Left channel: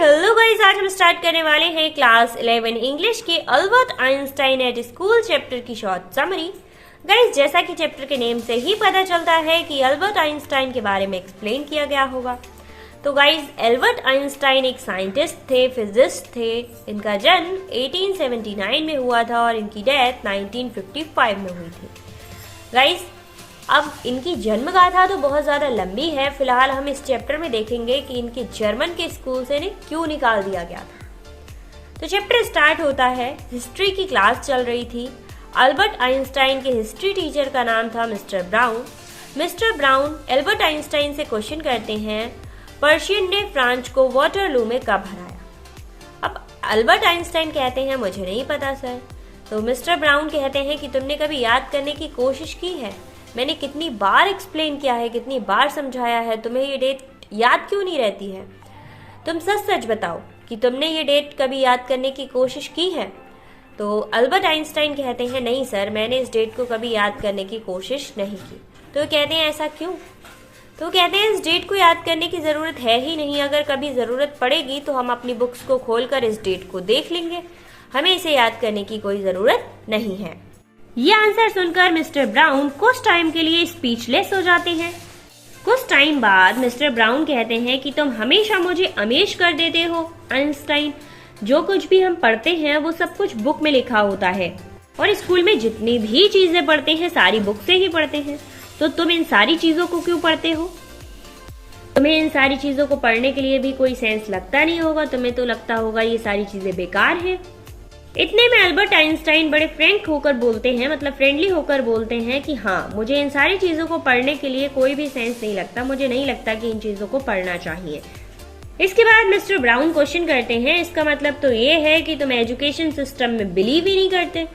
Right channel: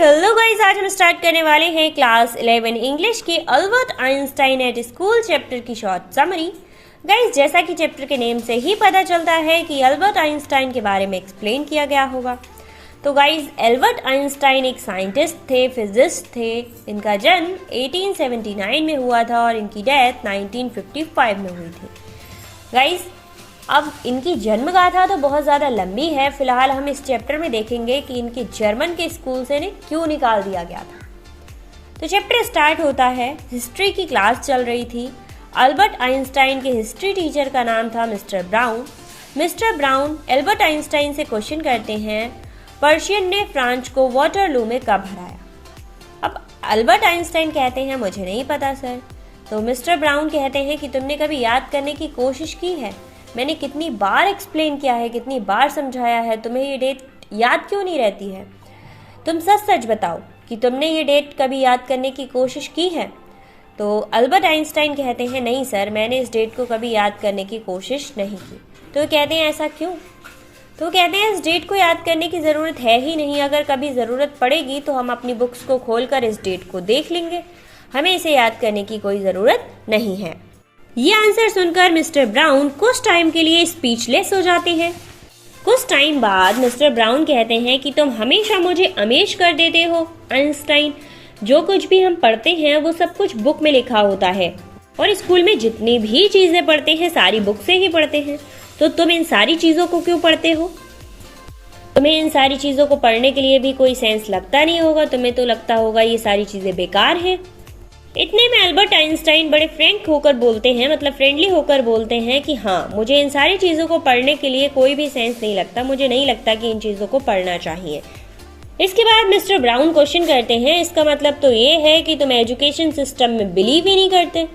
Hello guys, आज हम start करने वाले हैं क्लास 11 इंग्लिश के Albert Einstein at school chapter की शॉर्ट समरी। गाइस, जैसा कि चैप्टर के नेम से ही पता चलता है कि अल्बर्ट आइंस्टाइन के बारे में एक्सप्लेन किया गया होगा। तो गाइस, अल्बर्ट आइंस्टाइन एक साइंटिस्ट थे, फिजिस्ट थे। इनका जन्म 1879 में हुआ था और इनकी डेथ 1955 में हुई थी। गाइस, अब इनकी जन्म गाथा तो बहुत ज्यादा लंबी है। फिलहाल हम इस चैप्टर में देखेंगे कि इनके जर्मन के स्कूल से इन्हें क्यों निकाल दिया गया था। तो चैप्टर स्टार्ट होता है, हिस्ट्री की क्लास चल रही थी। अल्बर्ट आइंस्टाइन के हिस्ट्री टीचर का नाम था mister brown. Mister brown Albert Einstein से क्वेश्चन करते हैं, पर्शियन ने फ्रांस को वाटरलू में कब हराया। अब अल्बर्ट आइंस्टाइन कहते हैं, मुझे नहीं पता सर। तो मिस्टर ब्राउन कहते हैं कि तुमने कभी याद करने की कोशिश की है? मैंने कितनी बार एक्सप्लेन किया है, कितनी बार समझाया है, तुम्हें ये डेट याद क्यों नहीं रहती है? तुम सच सच बताओ कि तुमने ये डेट कभी याद करने की कोशिश की है? तो अल्बर्ट आइंस्टाइन कहते हैं, नहीं सर, मैंने इस डेट को कभी याद करने की कोशिश नहीं की। तो कहते हैं, ऐसा क्यों? तो कहते हैं, इस डेट को याद करने की जरूरत है ही नहीं। अगर कभी जरूरत पड़ेगी तो हम अपनी बुक्स को खोलकर इस डेट को देख लेंगे। हमें इसे याद करने की कोई जरूरत नहीं है। ये आंसर सुनकर मिस्टर ब्राउन कुछ टाइम के लिए स्पीचलेस हो जाते हैं। कुछ टाइम बाद मिस्टर ब्राउन कहते हैं कि तुम हमेशा मुझे अमेज कर देते हो आइंस्टाइन। जो कुछ भी हम पढ़ते हैं वो सब कुछ बुक में लिखा होता है और स्कूल में जितनी भी चीजें पढ़ते हैं सारी बुक से ही पढ़ते हैं। तो तुम इन सारी चीजों को क्यों पढ़ते हो? तुम्हें इन सारी चीजों को पढ़ने के लिए भी कोई सेंस लगता नहीं होगा। तुम्हें तो लगता होगा ये सारी चीजें बेकार है। इतने में अल्बर्ट आइंस्टाइन बड़े फ्रेंक होकर बोलते हैं, मतलब फ्रेंडली होकर बोलते हैं कि हाँ, मुझे इन सारी चीजों को पढ़ने के लिए कोई भी सेंस नहीं लगता। मुझे नहीं लगता कि इन चीजों को पढ़ना चाहिए। इसके बाद मिस्टर ब्राउन क्वेश्चन करते हैं, इसका मतलब तो ये है कि तुम एजुकेशन सिस्टम में बिलीव ही नहीं करते?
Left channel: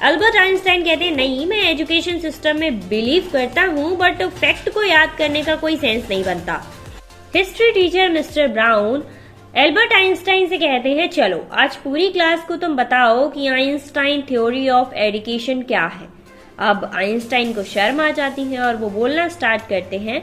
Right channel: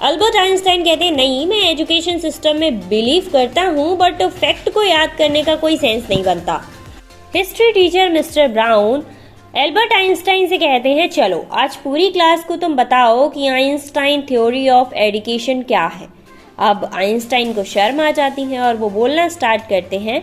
अल्बर्ट आइंस्टाइन कहते हैं, नहीं, मैं एजुकेशन सिस्टम में बिलीव करता हूँ, बट फैक्ट को याद करने का कोई सेंस नहीं बनता। History teacher mister brown Albert Einstein से कहते हैं, चलो आज पूरी क्लास को तुम बताओ कि आइंस्टाइन थ्योरी ऑफ एजुकेशन क्या है। अब आइंस्टाइन को शर्म आ जाती है और वो बोलना स्टार्ट करते हैं।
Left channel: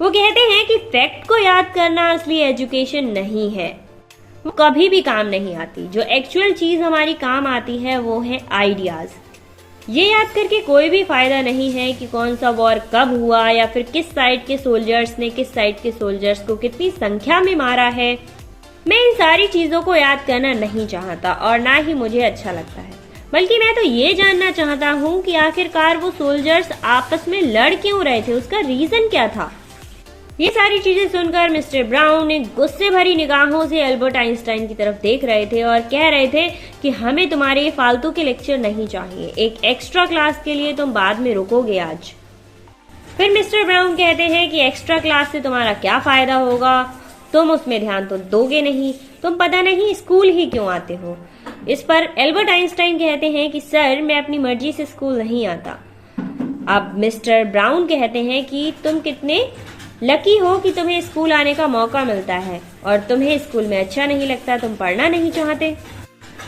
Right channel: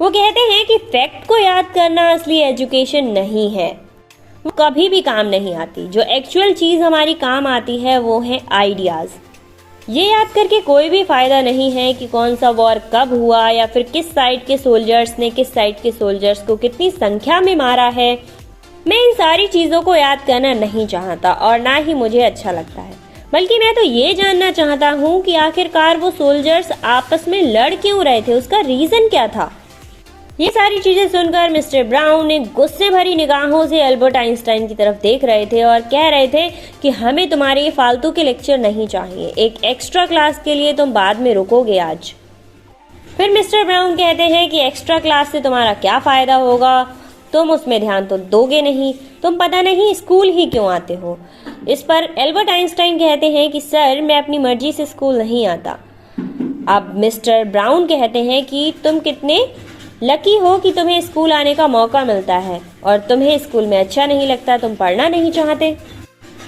वो कहते हैं कि फैक्ट को याद करना असली एजुकेशन नहीं है, वो कभी भी काम नहीं आती। जो एक्चुअल चीज हमारी काम आती है वो है आइडियाज। ये याद करके कोई भी फायदा नहीं है कि कौन सा वॉर कब हुआ या फिर किस साइड के सोल्जर्स ने किस साइड के सोल्जर्स को कितनी संख्या में मारा है। मैं इन सारी चीजों को याद करना नहीं चाहता और ना ही मुझे अच्छा लगता है, बल्कि मैं तो ये जानना चाहता हूँ कि आखिरकार वो सोल्जर्स आपस में लड़ क्यों रहे थे, उसका रीजन क्या था। ये सारी चीजें सुनकर मिस्टर ब्राउन एक गुस्से भरी निगाहों से अल्बर्ट आइंस्टाइन की तरफ देख रहे थे और कह रहे थे कि हमें तुम्हारे ये फालतू के लेक्चर नहीं चाहिए। एक एक्स्ट्रा क्लास के लिए तुम बाद में रुकोगे आज। फिर मिस्टर ब्राउन कहते हैं कि एक्स्ट्रा क्लास से तुम्हारा क्या फायदा होगा, तुम उसमें ध्यान तो दोगे नहीं, तुम पता नहीं स्कूल ही क्यों आते हो। इस पर अल्बर्ट आइंस्टाइन कहते हैं कि सर, मैं अपनी मर्जी से स्कूल नहीं आता। अब मिस्टर ब्राउन कहते हैं कि तुम कितने लकी हो कि तुम्हें स्कूल आने का मौका मिलता है और तुम्हें स्कूल में अच्छा नहीं लगता, तुम पढ़ना नहीं चाहते।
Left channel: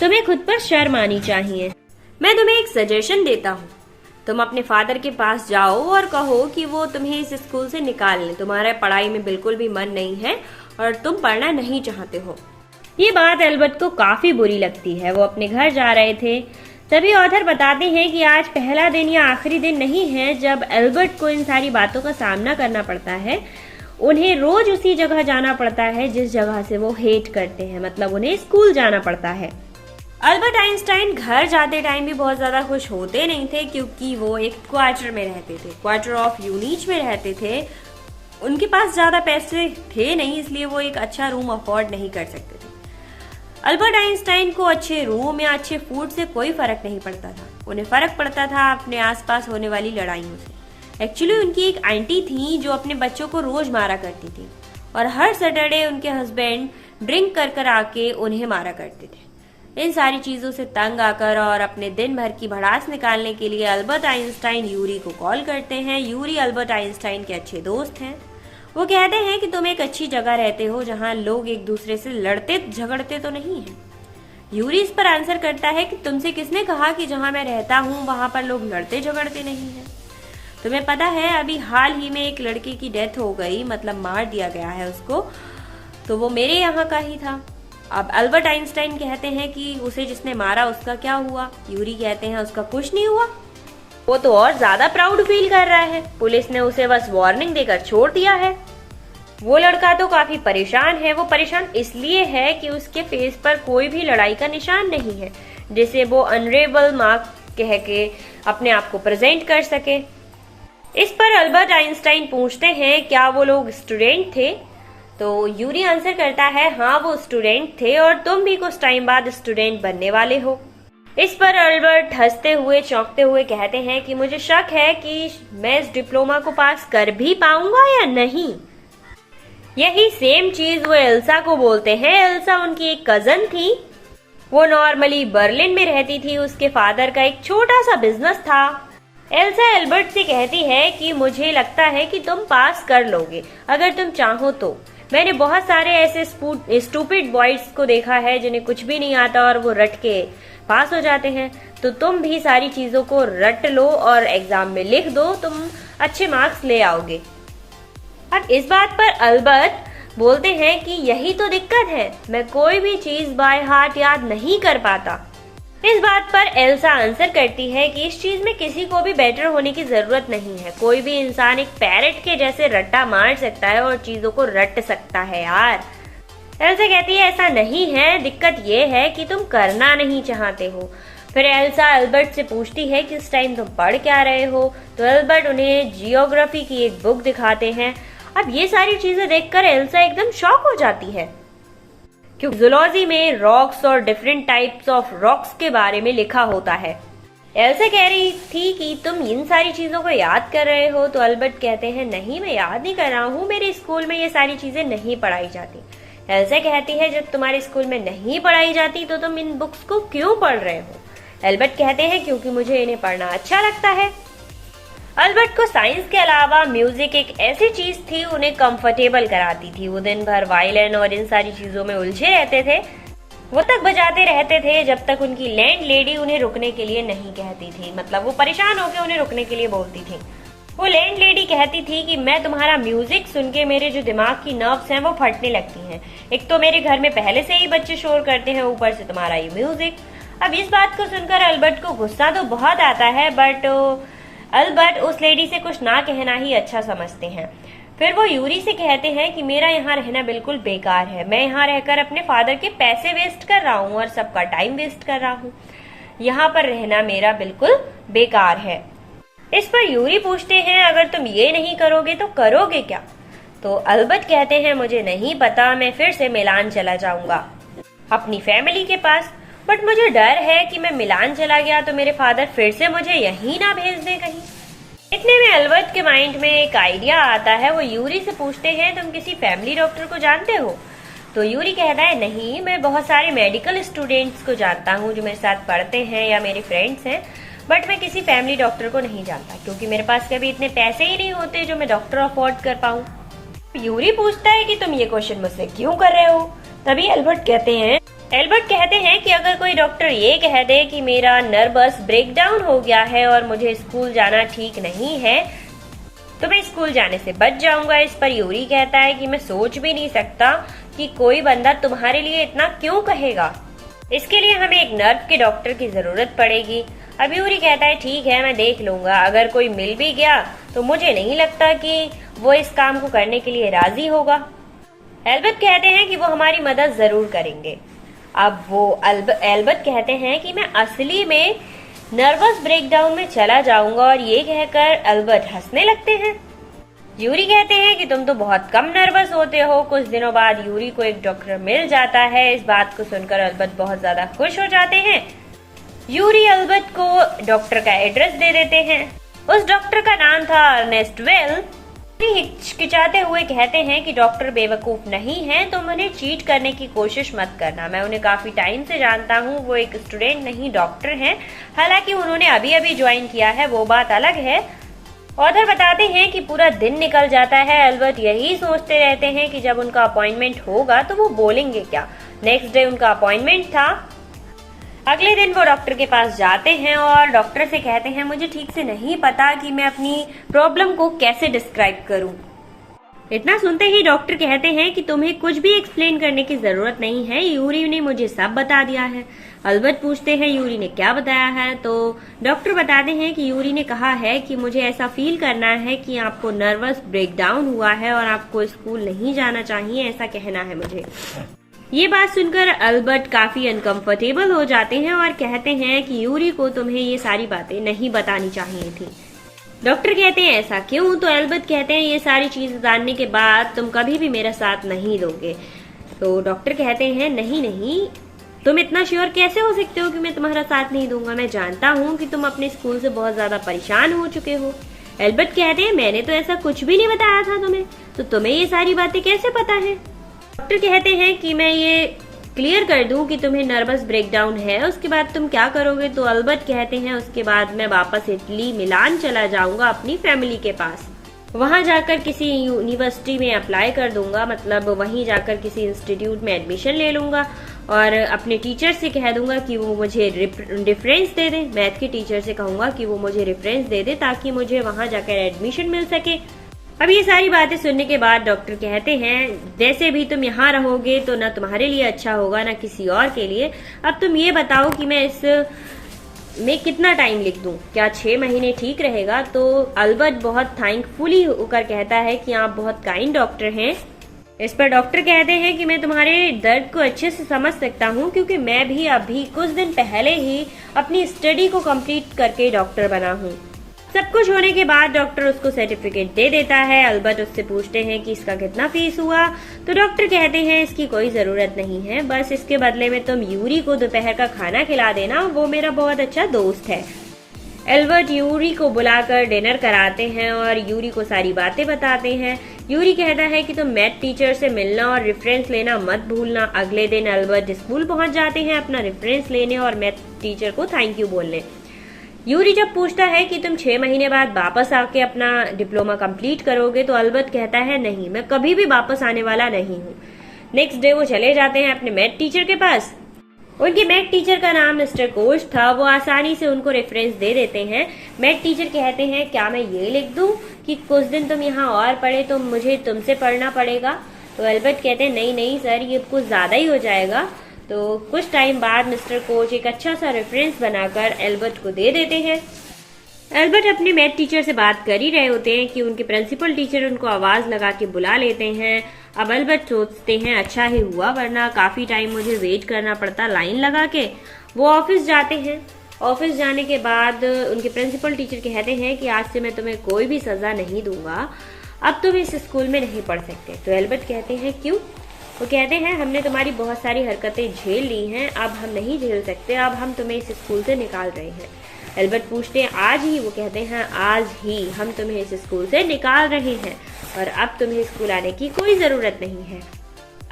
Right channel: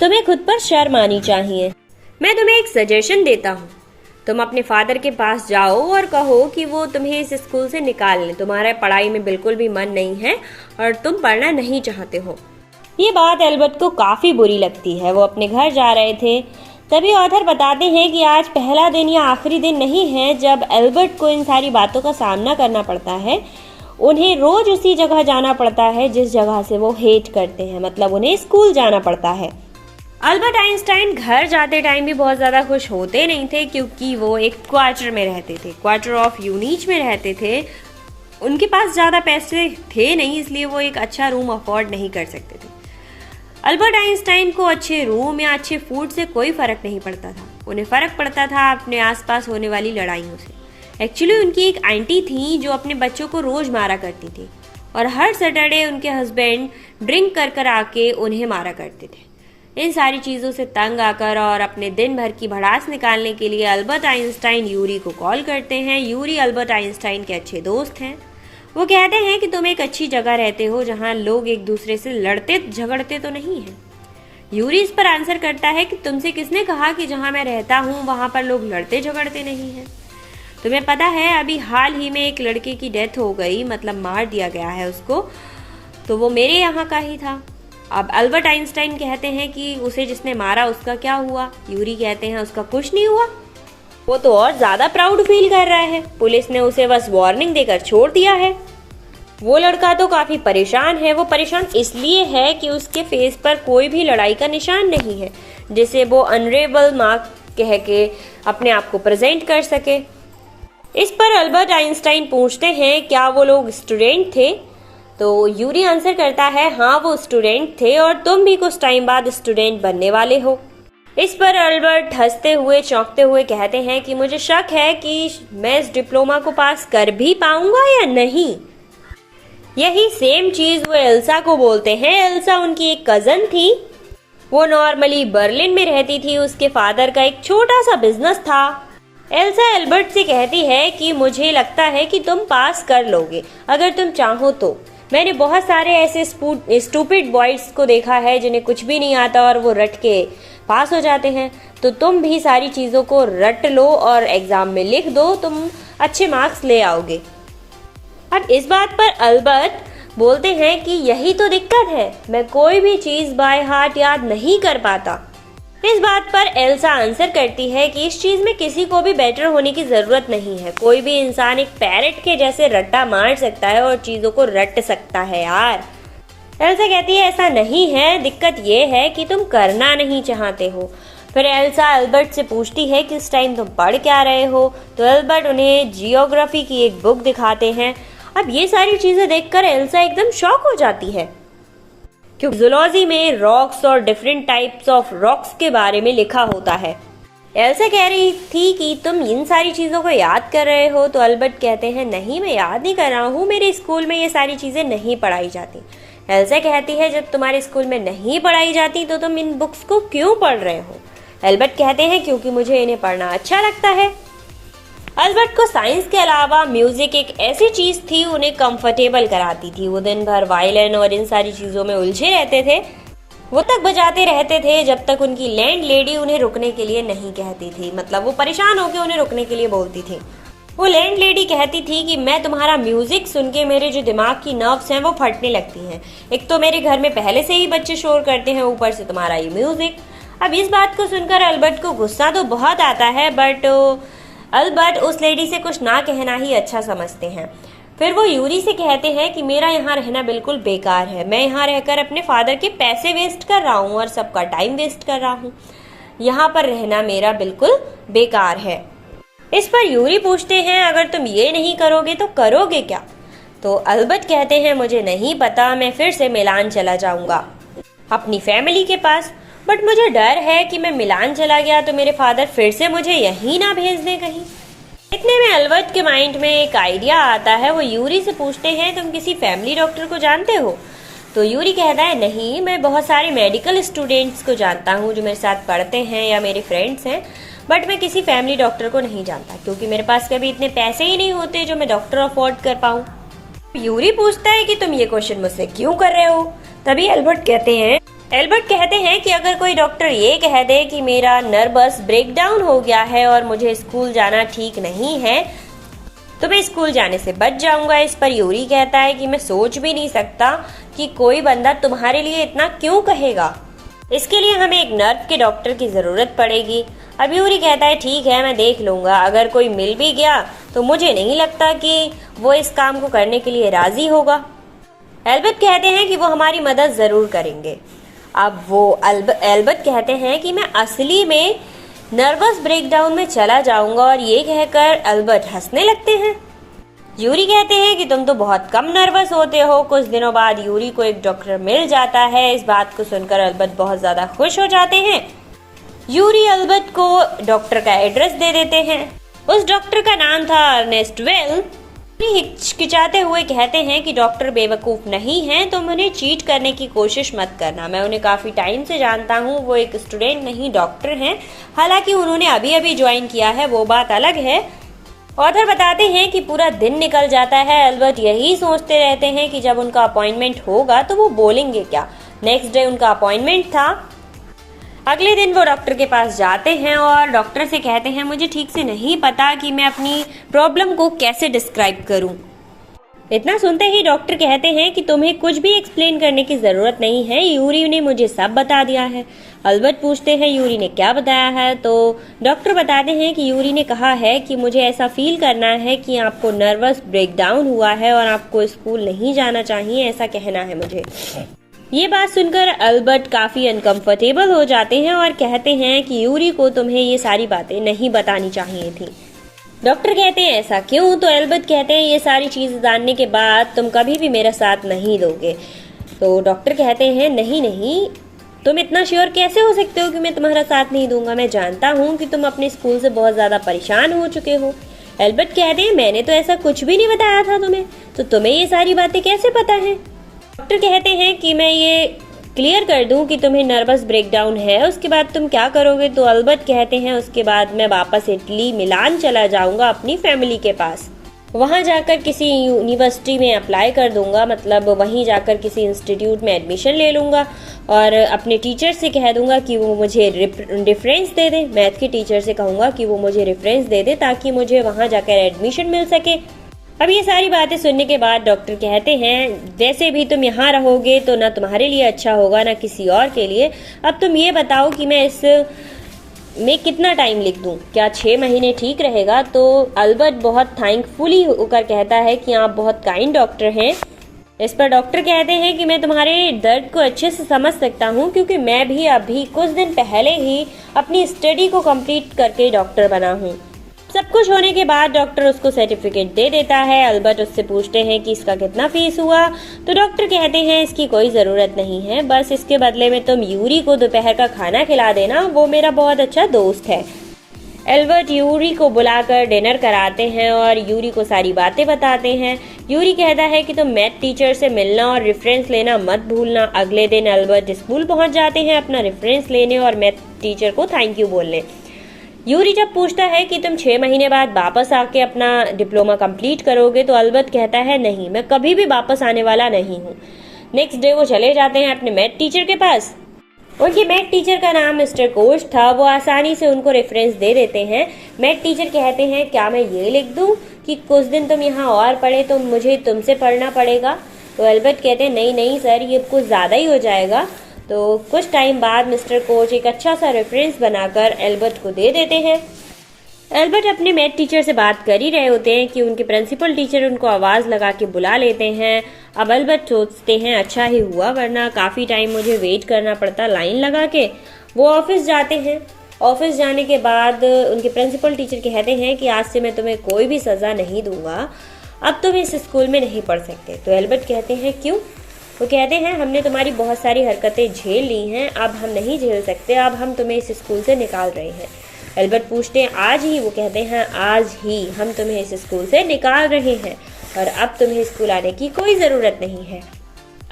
तुम्हें खुद पर शर्म आनी चाहिए। मैं तुम्हें एक सजेशन देता हूँ, तुम अपने फादर के पास जाओ और कहो कि वो तुम्हें इस स्कूल से निकाल लें। तुम्हारा पढ़ाई में बिल्कुल भी मन नहीं है और तुम पढ़ना नहीं चाहते हो। ये बात अल्बर्ट को काफी बुरी लगती है। वो अपने घर जा रहे थे, तभी ऑथर बताते हैं कि आज पहला दिन या आखिरी दिन नहीं है जब अल्बर्ट को इन सारी बातों का सामना करना पड़ता है। उन्हें रोज उसी जगह जाना पड़ता है जिस जगह से वो हेट करते हैं, मतलब उन्हें स्कूल जाना पड़ता है। अल्बर्ट आइंस्टाइन घर जाते टाइम भी बहुत ज्यादा खुश होते नहीं थे, क्योंकि वो एक क्वार्टर में रहते थे, क्वार्टर ऑफ यूनिच में रहते थे। उनके पास ज्यादा पैसे थे नहीं, इसलिए वो एक अच्छा रूम अफोर्ड नहीं कर सकते थे। अल्बर्ट आइंस्टाइन को अच्छे रूम या अच्छे फूड से कोई फर्क नहीं पड़ता था। उन्हें फर्क पड़ता था अपने आसपास होने वाली लड़ाइयों से। एक्चुअली उनकी एक आंटी थी जो अपने बच्चों को रोज मारा करती थी और हर सैटरडे उनके हस्बैंड ड्रिंक कर आके उन्हें मारा करते थे। इन सारी चीजों से तंग आकर और अपने दिन भर की भड़ास निकालने के लिए अल्बर्ट आइंस्टाइन यूरी को कॉल करते हैं। यूरी अल्बर्ट आइंस्टाइन के अच्छे दोस्त हैं। वो कहते हैं कि तुम एक अच्छी जगह रहते हो जहाँ लोग एक दूसरे से लड़ते झगड़ते तो नहीं है। यूरी इस पर आंसर करता है कि तुमसे किसने कहा कि जहाँ मैं रहता हूँ वहां पर लोग लड़ते झगड़ते नहीं है। तुम्हें पता है, अभी हाल ही में एक लड़के की डेथ हो गई, मतलब मार दिया गया है उसको। तो वो मेरे यहाँ का ही था। अब अल्बर्ट आइंस्टाइन कहते हैं कि उसे जिसने मारा उसका क्या हुआ। यूरी कहते हैं उसका कुछ नहीं हुआ। वो तो और ज्यादा प्राउड फील कर रहा है, पुलिस ने उसे बस वार्निंग देकर छोड़ दिया है। वो लड़का तो काफी परेशान है। वो परेशान इसलिए है कि उसके फेस पर कोई भी लड़ाई का निशान नहीं है, जिसे वो अनरेबल मार्क कह के अपने आप को प्रेजेंट कर सके। इस पर अल्बर्ट आइंस्टाइन पूछते हैं क्या वो लोग स्टूडेंट थे। तो यूरी आंसर करता है हाँ वो स्टूडेंट थे और तुम भी कुछ टाइम बाद स्टूडेंट बनने वाले हो। इस पर अल्बर्ट हंसते हुए चौंकते हुए कहते हैं कि मुझे शक है कि मैं इस डिप्लोमा को पास कर भी पाऊंगा या नहीं। यही सेम चीज वो एल्सा को बोलते हैं। एल्सा उनकी एक कजन थी। वो नॉर्मली बर्लिन में रहती थी। उसके फादर का एक छोटा सा बिजनेस था। एल्सा एल्बर्ट से कहती है कि मुझे लगता है कि तुम पास कर लोगे अगर तुम चाहो तो। मैंने बहुत सारे ऐसे स्टूपिड बॉयज को देखा है जिन्हें कुछ भी नहीं आता और वो रट के पास हो जाते हैं। तो तुम भी सारी चीजों को रट लो और एग्जाम में लिख दो, तुम अच्छे मार्क्स ले आओगे। अब इस बात पर अल्बर्ट बोलते हैं कि यही तो दिक्कत है, मैं कोई भी चीज बाय हार्ट याद नहीं कर पाता। इस बात पर एल्सा आंसर करती है कि इस चीज में किसी को भी बेटर होने की जरूरत नहीं है। कोई भी इंसान एक पैरट के जैसे रट्टा मार सकता है और चीजों को रट सकता है यार। एल्सा कहती है ऐसा नहीं है, दिक्कत ये है कि तुम करना नहीं चाहते हो। फिर एल्सा अल्बर्ट से पूछती है कि इस टाइम तुम पढ़ क्या रहे हो। तो अल्बर्ट उन्हें जियोग्राफी की एक बुक दिखाते हैं। अब ये सारी चीजें देखकर एल्सा एकदम शॉक हो जाती है, क्योंकि जूलॉजी में रॉक्स और डिफरेंट टाइप्स ऑफ रॉक्स के बारे में लिखा होता है। एल्सा कह रही थी कि तुम इन सारी चीजों को याद कर रहे हो। तो अल्बर्ट कहते हैं नहीं, मैं याद नहीं कर रहा हूँ, मेरे स्कूल में ये सारी चीजें नहीं पढ़ाई जाती। एल्सा कहती है जब तुम्हारे स्कूल में नहीं पढ़ाई जाती तो तुम इन बुक्स को क्यों पढ़ रहे हो। अल्बर्ट कहते हैं क्योंकि मुझे इन्हें पढ़ना अच्छा लगता है। अल्बर्ट को साइंस के अलावा म्यूजिक एक ऐसी चीज थी उन्हें कंफर्टेबल कराती थी। वो दिन भर वायलिन और इन सारी चीजों में उलझे रहते थे। वो तक बजाते रहते थे जब तक उनकी लैंड लेडी उन्हें रुकने के लिए नहीं कहती थी। मतलब वो परेशान होकर उन्हें रुकने के लिए बोलती थी। वो लैंड लेडी कहती थी कि मैं तुम्हारा म्यूजिक सुन के मेरे जो दिमाग की नर्व्स हैं वो फटने लगती हैं। एक तो मेरे घर में पहले से ही बच्चे शोर करते हैं, ऊपर से तुम्हारा ये म्यूजिक। अब इस बात को सुनकर अल्बर्ट को गुस्सा तो बहुत आता है, बट अल्बर्ट उस लेडी से कुछ ना कहना ही अच्छा समझते हैं। फिर वो यूरी से कहते हैं कि मेरा यहाँ रहना बिल्कुल बेकार है। मैं यहाँ रहकर अपने फादर के पैसे वेस्ट कर रहा हूँ और सबका टाइम वेस्ट कर रहा हूँ। यहाँ पर रहना मेरा बिल्कुल बेकार है। इस पर यूरी पूछते हैं अगर तुम ये नहीं करोगे तो करोगे क्या। तो अल्बर्ट कहते हैं मुझे नहीं पता, मैं फिर से मिलान चला जाऊंगा अपनी फैमिली के पास। बट मुझे डर है कि मैं मिलान चला गया तो मेरे फादर फिर से मुझे यहीं ना भेज दें कहीं। इतने में अल्बर्ट के माइंड में एक आइडिया आता है। वो यूरी से पूछते हैं तुम किसी फैमिली डॉक्टर को जानते हो। तो यूरी कहता है नहीं, मैं बहुत सारे मेडिकल स्टूडेंट्स को जानता हूँ जो मेरे साथ पढ़ते हैं या मेरे फ्रेंड्स हैं, बट मैं किसी फैमिली डॉक्टर को नहीं जानता क्योंकि मेरे पास कभी इतने पैसे ही नहीं होते जो मैं डॉक्टर अफोर्ड कर पाऊँ। यूरी पूछता है कि तुम ये क्वेश्चन मुझसे क्यों कर रहे हो। तभी अल्बर्ट कहते हैं कि अगर कोई डॉक्टर ये कह दे कि मेरा नर्वस ब्रेकडाउन हो गया है और मुझे स्कूल जाना ठीक नहीं है तो मैं स्कूल जाने से बच जाऊंगा। इस पर यूरी कहता है कि मैं सोच भी नहीं सकता कि कोई बंदा तुम्हारे लिए इतना क्यों कहेगा। इसके लिए हमें एक नर्व के डॉक्टर की जरूरत पड़ेगी। अब यूरी कहता है ठीक है, मैं देख लूंगा। अगर कोई मिल भी गया तो मुझे नहीं लगता कि वो इस काम को करने के लिए राजी होगा। एल्बर्ट कहते हैं कि वो हमारी मदद जरूर करेंगे। अब वो एल्बर्ट कहते हैं कि मैं असली में नर्वस ब्रेकडाउन में चला जाऊंगा और ये कहकर एल्बर्ट हंसने लगते हैं। यूरी कहते हैं कि तुम तो बहुत कम नर्वस होते हो। कुछ दिनों बाद यूरी को एक डॉक्टर मिल जाता है। इस बात को सुनकर एल्बर्ट बहुत ज्यादा खुश हो जाते हैं। यूरी एल्बर्ट को डॉक्टर का एड्रेस दे देते हैं। उस डॉक्टर का नाम था अर्नेस्ट वेल। हिचकिचाते हुए कहते हैं कि डॉक्टर बेवकूफ नहीं है, तुम उन्हें चीट करने की कोशिश मत करना। मैं उन्हें काफी टाइम से जानता हूँ, वो एक स्टूडेंट नहीं डॉक्टर हैं। हालांकि उन्होंने अभी अभी ज्वाइन किया है, वो बात अलग है। ऑथर बताते हैं कि पूरा दिन निकल जाता है। एल्बर्ट यही सोचते रहते हैं कि जब उनका अपॉइंटमेंट होगा तो वो बोलेंगे क्या। नेक्स्ट डे उनका अपॉइंटमेंट था। अगले दिन वो डॉक्टर के पास जाते हैं और डॉक्टर से कहते हैं मुझे ठीक से नहीं पता कि मैं अपनी प्रॉब्लम को कैसे डिस्क्राइब करूं। इतना सुनते ही डॉक्टर कहते हैं कि तुम्हें कुछ भी एक्सप्लेन करने की जरूरत नहीं है, यूरी ने मुझे सब बता दिया है। अल्बर्ट पूछते हैं यूरी ने क्या बताया है, तो डॉक्टर बताते हैं कि यूरी ने कहा है कि मुझे ऐसा फील करना है कि आपको नर्वस ब्रेकडाउन हुआ है और आपको स्कूल नहीं जाना चाहिए, ऐसा कहना है मुझे। ये बात सुनकर अल्बर्ट काफी अनकंफर्टेबल हो जाते हैं और कहते हैं कि यूरी को तुम्हें ये सारी बातें नहीं बतानी चाहिए थी। डॉक्टर कहते हैं ऐसा क्यों, तो अल्बर्ट कहते हैं ये सारी चीजें जानने के बाद तुम कभी भी मेरा साथ नहीं दोगे। तो डॉक्टर कहते हैं नहीं नहीं, तुम इतना श्योर कैसे हो सकते हो कि मैं तुम्हारा साथ नहीं दूंगा, मैं जानता हूँ कि तुम अपने स्कूल से बहुत ज्यादा परेशान हो चुके हो। अल्बर्ट कहते हैं मैंने तो ऐसा कुछ भी नहीं बताया था तुम्हें, तो तुम्हें ये सारी बातें कैसे पता है। डॉक्टर कहते हैं कि मैं ये क्लियर कर दूं कि तुम्हें नर्वस ब्रेकडाउन है, उसके बाद तुम क्या करोगे। तो अल्बर्ट कहते हैं उसके बाद मैं वापस इटली मिलान चला जाऊंगा अपनी फैमिली के पास, वहां जाकर किसी यूनिवर्सिटी में अप्लाई कर दूंगा, मतलब वहीं जाकर किसी इंस्टीट्यूट में एडमिशन ले लूंगा और अपने टीचर से कह दूंगा कि वो मुझे रेफरेंस दे दे। मैथ के टीचर से कहूंगा कि वो मुझे रेफरेंस दे दे ताकि मुझे वहां जाकर एडमिशन मिल सके। अब ये सारी बातें सुनने के बाद डॉक्टर कहते हैं वैसे भी तुम यहाँ रहोगे तो न तुम्हारे लिए अच्छा होगा न किसी और के लिए। अब तुम ये बताओ कि मैं इस में कितना टाइम लिख दूं, क्या 6 महीने ठीक रहेगा। तो अल्बर्ट बहुत थैंकफुली होकर कहता है कि आप बहुत काइंड डॉक्टर हैं। इस पर डॉक्टर कहते हैं कि मैं तुम्हारे दर्द को अच्छे से समझ सकता हूँ क्योंकि मैं भी अभी कुछ दिन पहले ही अपनी स्टडी को कंप्लीट करके डॉक्टर बना हूँ। सब कुछ होने के बाद डॉक्टर उसको सर्टिफिकेट दे देता है। अल्बर्ट उससे पूछते हैं कि इसका कितना फीस हुआ, तो डॉक्टर कहते हैं इसकी कोई जरूरत नहीं है, बस इसके बदले में तुम यूरी को दोपहर का खाना खिला देना, वो मेरा बहुत अच्छा दोस्त है। अल्बर्ट यूरी को बुलाकर डिनर कराते हैं और यूरी को सारी बातें बताते हैं। यूरी कहता है कि तुम मैथ टीचर से मिलना और रेफरेंस लेना मत भूलना। अगले दिन अल्बर्ट स्कूल पहुंच जाते हैं अपना रेफरेंस लेने और मैथ टीचर को थैंक यू बोलने। यूरी जब पूछता है कि तुम 6 महीने बाद वापस आके अपना डिप्लोमा कंप्लीट करोगे, तो अल्बर्ट कहता है नहीं, मैं कभी भी वापस आने वाला नहीं हूँ। नेक्स्ट डे वो चले जाते हैं अपने मैथ टीचर के पास। उनके मैथ टीचर का नाम मिस्टर कोच था, वो आसानी से उनको रेफरेंस दे देते हैं। मैथ टीचर कहते हैं क्या मैं ये लिख दूं कि कुछ दिन तुम यहाँ और पढ़े तो मुझे तुमसे पढ़ना पड़ेगा। तो अल्बर्ट कहते हैं नहीं नहीं सर, ये कुछ ज्यादा ही हो जाएगा। तो कुछ टाइम बाद मिस्टर कोच एक अच्छा सा रेफरेंस बनाकर अल्बर्ट को दे देते हैं। अल्बर्ट अपने मैथ टीचर से बात कर ही रहे होते हैं कि उनके प्रिंसिपल टीचर उनको आवाज लगा के बुला लेते हैं। अब अल्बर्ट सोचते हैं अच्छा ही हुआ, वरना काफी टाइम मुझे वेट करना पड़ता लाइन लगा के। वो ऑफिस जाते हैं। ऑफिस जाने के बाद उनके प्रिंसिपल टीचर कहते हैं कि आज से मैं तुम्हें कोई भी सजा नहीं दूंगा, अब तुम इस स्कूल में नहीं पढ़ सकते। तो अल्बर्ट कहते हैं क्यों। वो कहते हैं हमने तुम्हारी बहुत सारी हरकतें झेल ली हैं, अब हम नहीं झेल सकते, अब हम तुम्हें इस स्कूल से निकाल रहे हैं। अल्बर्ट पूछते हैं आज ही। वो कहते हैं आज ही हम तुम्हें इस स्कूल से निकाल रहे हैं और अब तुम्हें स्कूल आने की कोई जरूरत नहीं है।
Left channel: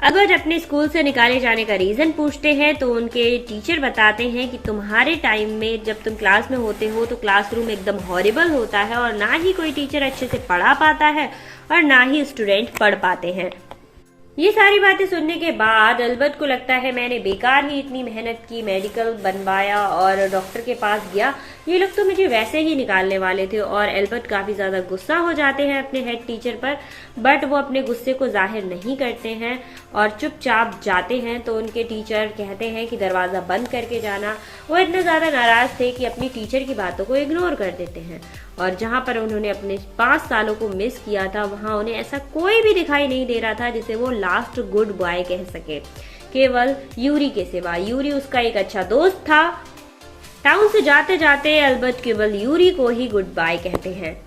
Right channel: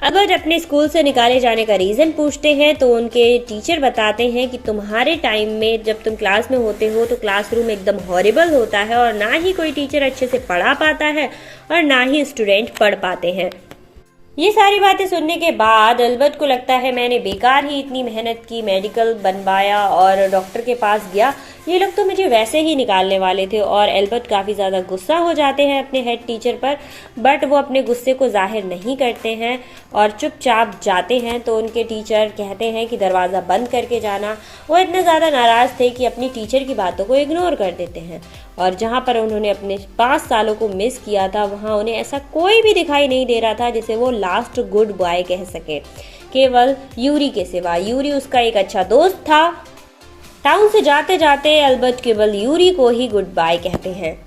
अल्बर्ट अपने स्कूल से निकाले जाने का रीजन पूछते हैं तो उनके टीचर बताते हैं कि तुम्हारे टाइम में जब तुम क्लास में होते हो तो क्लासरूम एकदम हॉरिबल होता है और ना ही कोई टीचर अच्छे से पढ़ा पाता है और ना ही स्टूडेंट पढ़ पाते हैं। ये सारी बातें सुनने के बाद अल्बर्ट को लगता है मैंने बेकार ही इतनी मेहनत की, मेडिकल बनवाया और डॉक्टर के पास गया, ये लोग तो मुझे वैसे ही निकालने वाले थे। और अल्बर्ट काफी ज्यादा गुस्सा हो जाते हैं अपने हेड टीचर पर, बट वो अपने गुस्से को जाहिर नहीं करते हैं और चुपचाप जाते हैं। तो उनके टीचर कहते हैं कि दरवाजा बंद करके जाना। वो इतने ज्यादा नाराज थे कि अपनी टीचर की बातों को इग्नोर कर देते हैं और जहां पर उन्होंने अपने 5 सालों को मिस किया था वहां उन्हें ऐसा कोई भी दिखाई नहीं दे रहा था जिसे वो लास्ट गुड बाय कह सके, केवल यूरी के सिवा। यूरी उसका एक अच्छा दोस्त था। टाउन से जाते जाते अल्बर्ट केवल यूरी को ही गुड बाय कहते हैं।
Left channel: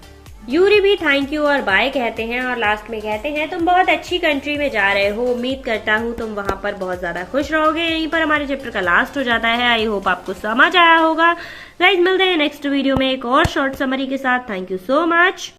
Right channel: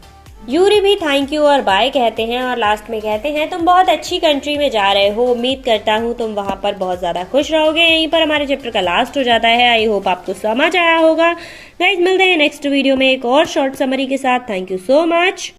यूरी भी थैंक यू और बाय कहते हैं और लास्ट में कहते हैं तुम बहुत अच्छी कंट्री में जा रहे हो, उम्मीद करता हूँ तुम वहां पर बहुत ज्यादा खुश रहोगे। यहीं पर हमारे चैप्टर का लास्ट हो जाता है। आई होप आपको समझ आया होगा। गाइस मिलते हैं नेक्स्ट वीडियो में एक और शॉर्ट समरी के साथ। Thank you so much.